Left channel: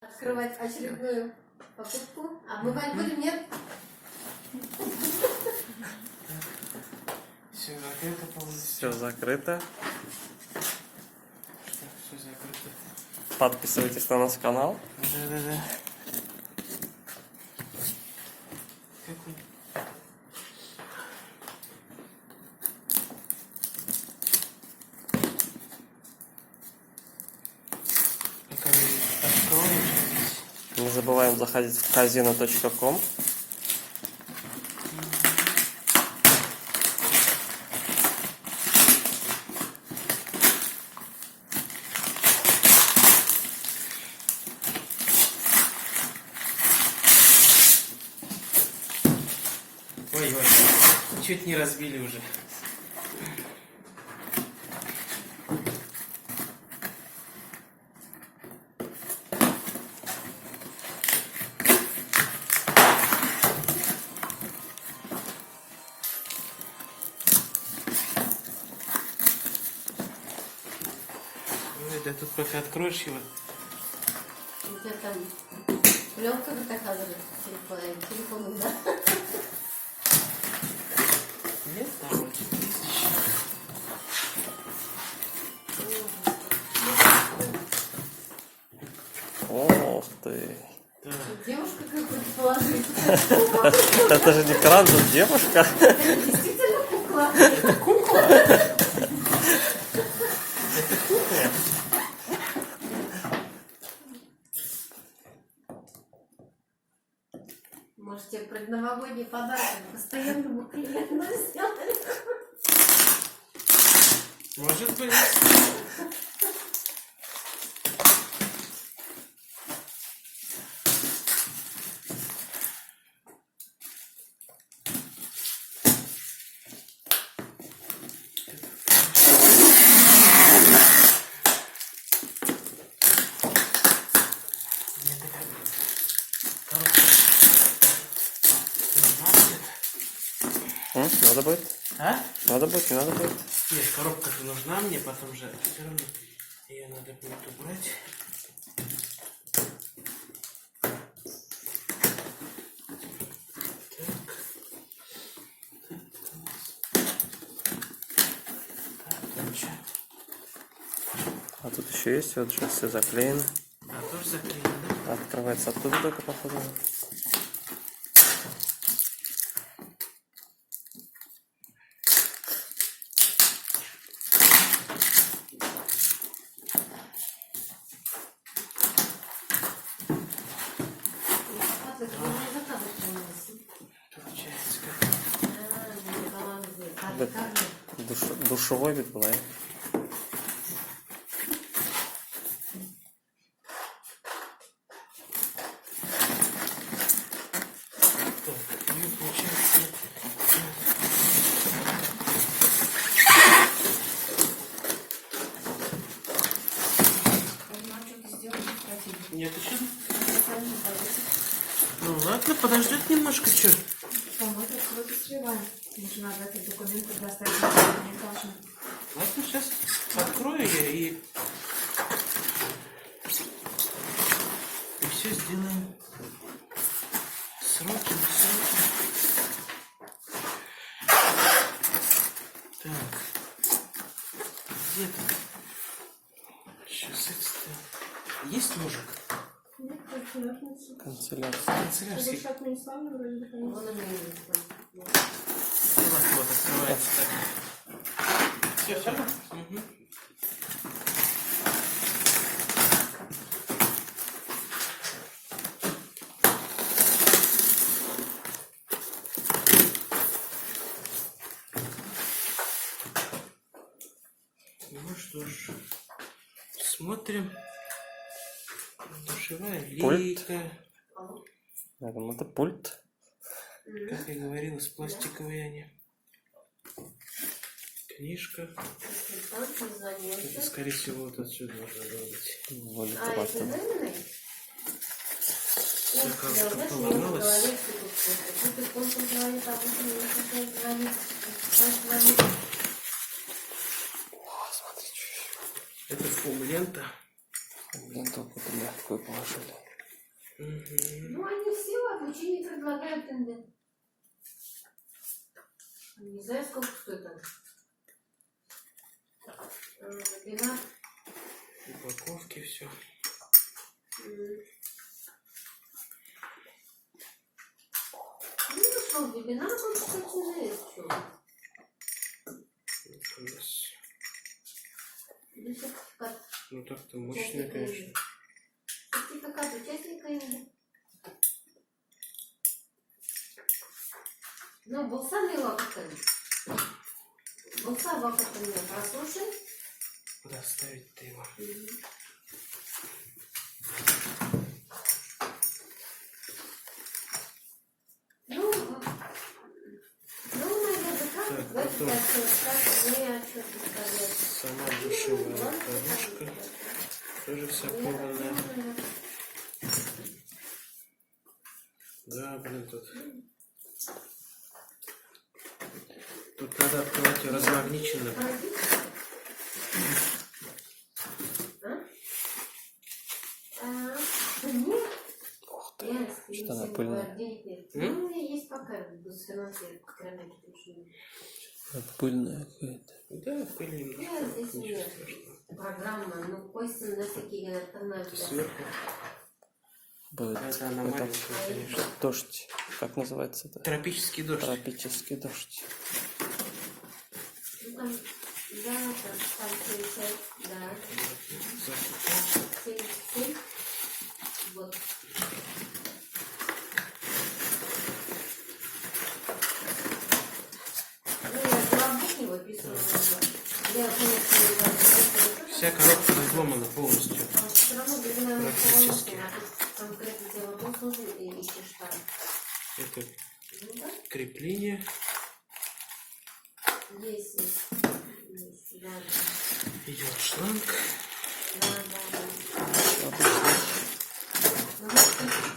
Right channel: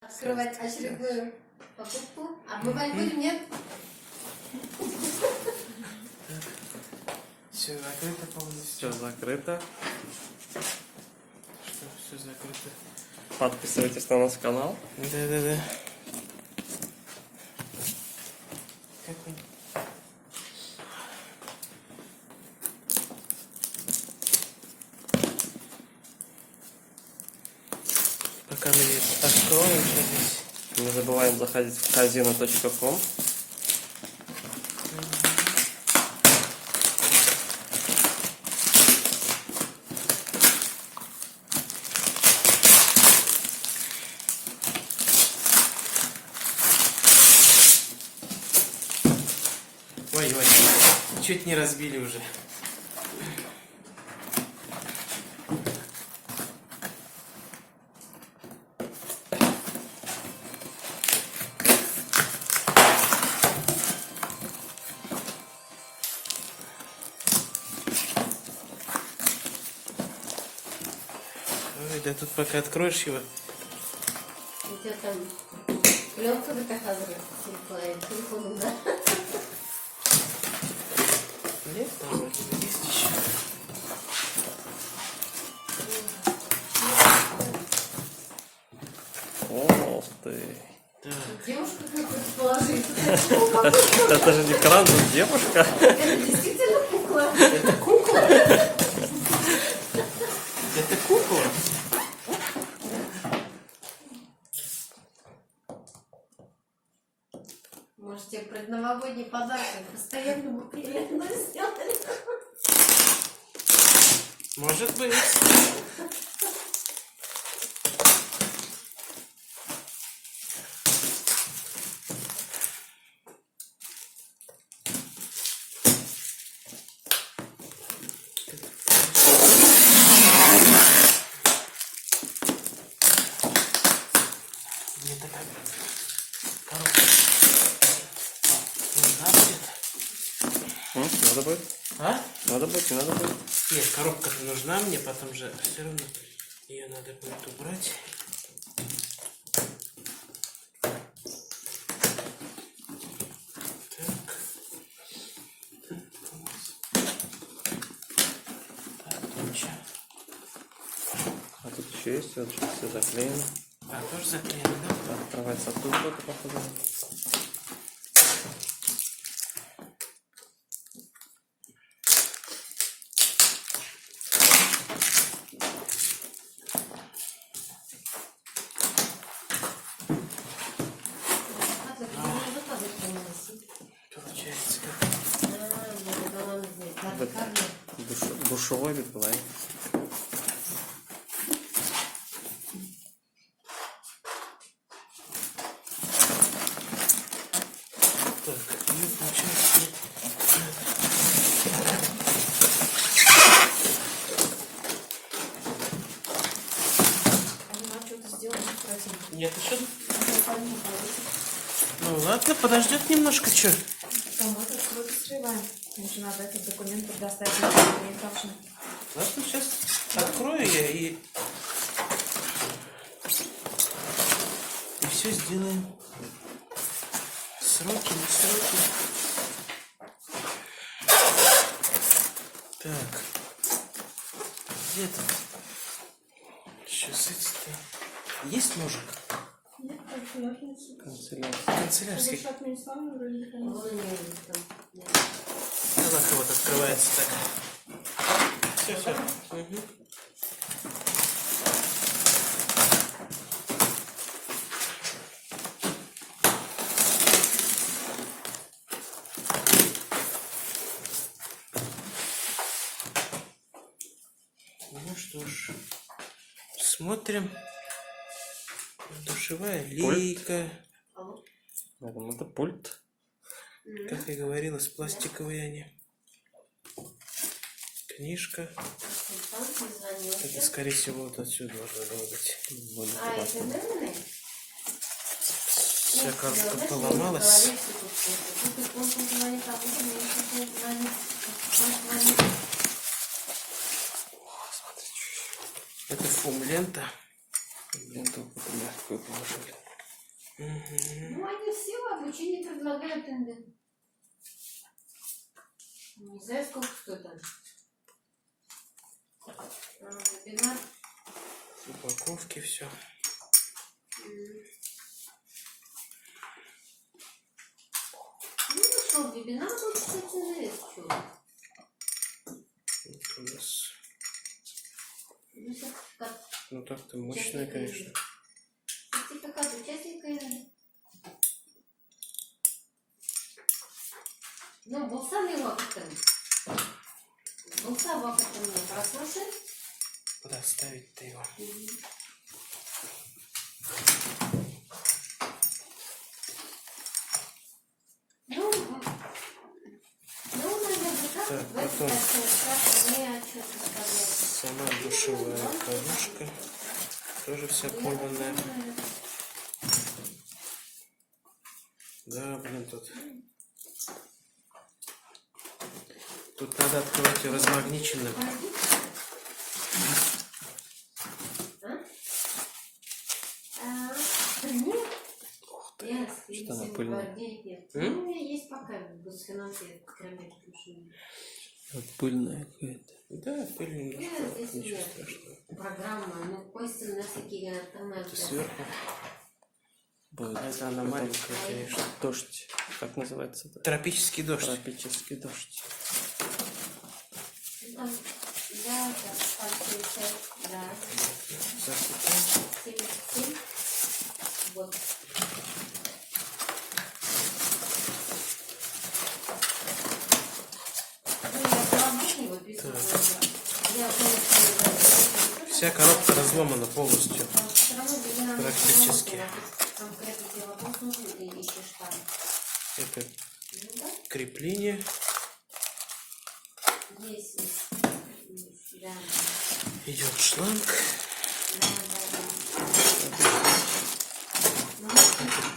Открывать очередную покупку. Обмывать будем, нет? Все закрыто полностью. Все закрыто. Что, все закрыто? Подписывайтесь на наш канал. Да. Как он? Пока мы откроем здесь. Не забываем заходить в казино.ком. Ой, чуть не разбили уже. Ой, да тут пока откроешь его. У тебя там пленка доказывает телефоном, да? Нет, там вроде бы есть еще. Ох ты. Так. Девушка какую-то положить. Это же не кран, тут девушка. Это действительно кукла. Это кукла? Это кукла? Может, тебе предновогодний подарок постоянному клиенту сделали? Может быть. Мне такая коробка нужна будет. Надо будет? А? Надо будет, не надо будет. Нет, коробка же нужна мне, потом же все равно ее надо будет убрать. А тут еще есть, вот сейчас все заклеено. А, тоже заклеено, да? Открывается оттуда только, походу. Получается как. Душевой вид бывает. Так, и получается. Нет, еще. Ну ладно, подождет немножко, что? Там вот откройте срываем. Лучше надо этот документ предоставить. Не должны. Ладно, сейчас открою я и все сделаем. Сроки, не сроки. Так. Где тут? Сейчас это. Есть мужик? Нет, конференция. Канцелярия. Канцелярский. Совершат не сами вроде бы, конечно. Вон они есть там. Ну, вот открывается так. Все. Угу. Ну что ж, смотрим. Душевая лейка. Я думаю, это пульт. Как я говорил, из пластиковой они. Книжка. Это, скорее всего, вот отсюда должно было быть. Вроде А, туда, это что ли. номерный? Все как-то поломалось. Это фум-лента. Блин, только мягкую положили. Ну, они все в обучении предлагают инде. Не знаю, сколько стоит там. Вебинар. Упаковки, все. Ну, что, вебинар будет, кстати, что? У нас... Ну, сертификат. Ну так-то мощная, конечно. Сертификат участника инде. Ну, болса ли вакытын? Болса вакытын прослушай. Куда ставить-то его? Ну, наверное, как Так, в этом потом мне что-то сказать. сама душевая подушка. Тоже вся порванная. Да, блин, тут... Тут надо открывать ее размагниченно. Нет. Что она пыльная? Ну, у меня есть пока без финансовых кроме души. Пыльная какая-то. Да, пыль немножко. Здесь Ничего нет. страшного. Программа, ну, кости на такие Это альтернативы. сверху. Будет Это она маленькая, конечно. дождь. Как называется это? Тропический дождь. Тропический дождь. Ну, там, да, там 75, да. 77. Вот. Ну, я по-рабочему выписывала. Я, конечно, Вся коробка разломана полностью. там все равно вебинар на Практически. конкретный вопрос нужен, ты ищешь там. Это Ну, да, крепление. есть, да. Идет шланг. Да, да, да. Ну,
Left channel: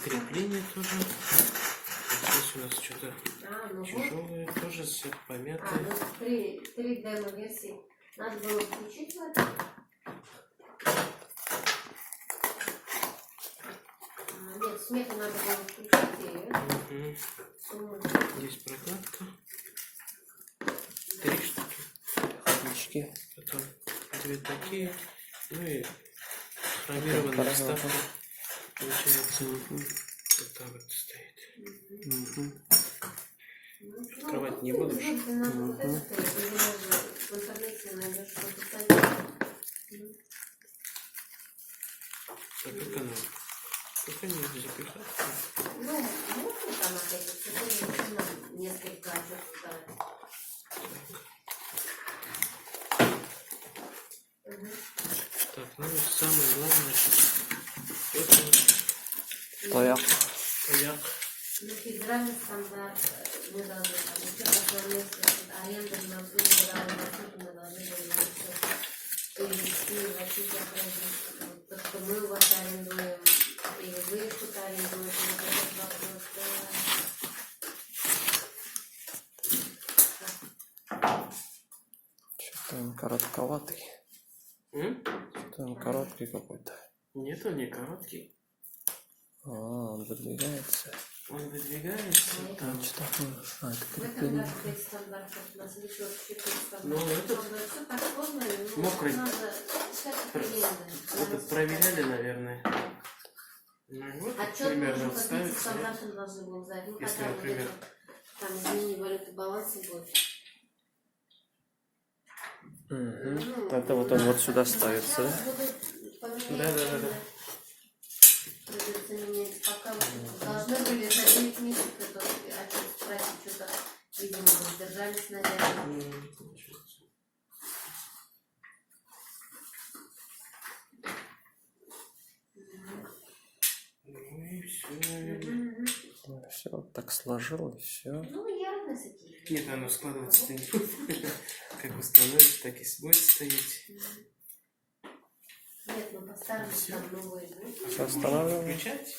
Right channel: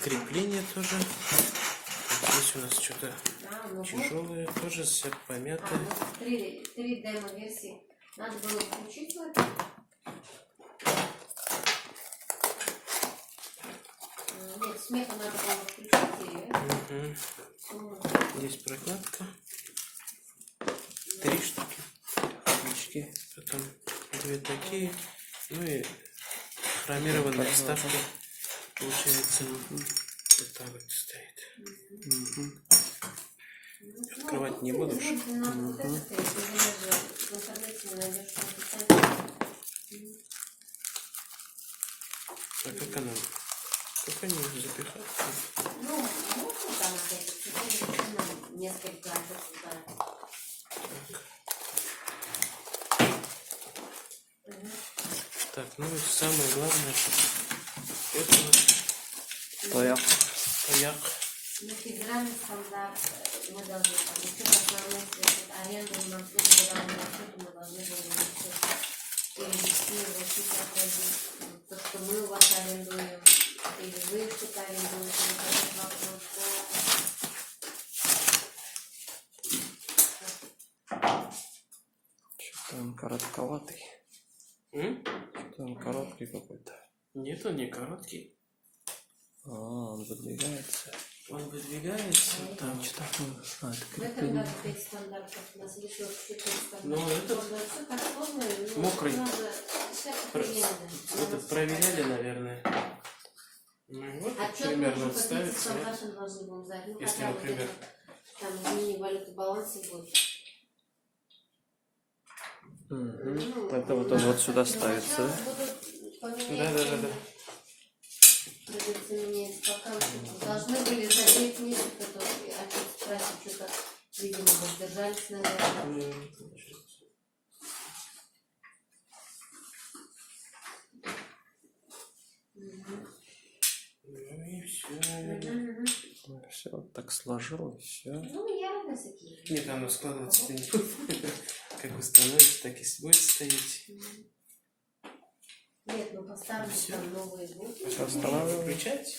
Крепление тоже. Здесь у нас что-то ну вот. тяжелое, тоже все помятое. Ну, три демо-версии. Надо было включить в это. Нет, смеху надо было включить. Угу. Здесь прокладка. 3 штуки. Отлички. Потом 2 такие. Ну и хромированная вставка. Получается, вот так вот стоит. Открывать не буду. В интернете найдешь что-то. А как она? Как они запихать? Ну, можно там вот эти несколько туда. Так, ну и самое главное, это Паяк. паяк. На федеральный стандарт мы должны получить основные аренду в Москве, федеральный маршрут мы должны перевести в Россию, то, что мы у вас арендуем, или вы что-то арендуете, это вопрос. Что-то он коротковатый. Что-то он короткий какой-то. Нет, он не короткий. Он выдвигается. Он выдвигается. Там Что такое? Это В этом крепление. году 5 стандартов, у нас еще 4 стандарта. Ну, этот Все так сложно, мокрый. надо всякое приемное. этот проверяли, наверное. Ну и вот, Отчет примерно можно по 30 ставится. стандартам должны будем сдать. Ну, Если, хотя бы например, где-то там изменение валюты баланса будет. Это вот он вот сюда ставится, да? Да. Придется менять пока. Должны были за 9 месяцев это отчет спросить, что-то, видимо, воздержались, наверное. Ну, не получается. Ну и все, наверное. Все вот так сложилось, все. Ну, явно такие. Нет, оно складываться-то не будет. Как установится, так и будет стоять. Нет, ну поставили Всё. там новые будут. Устанавливаем. Включать?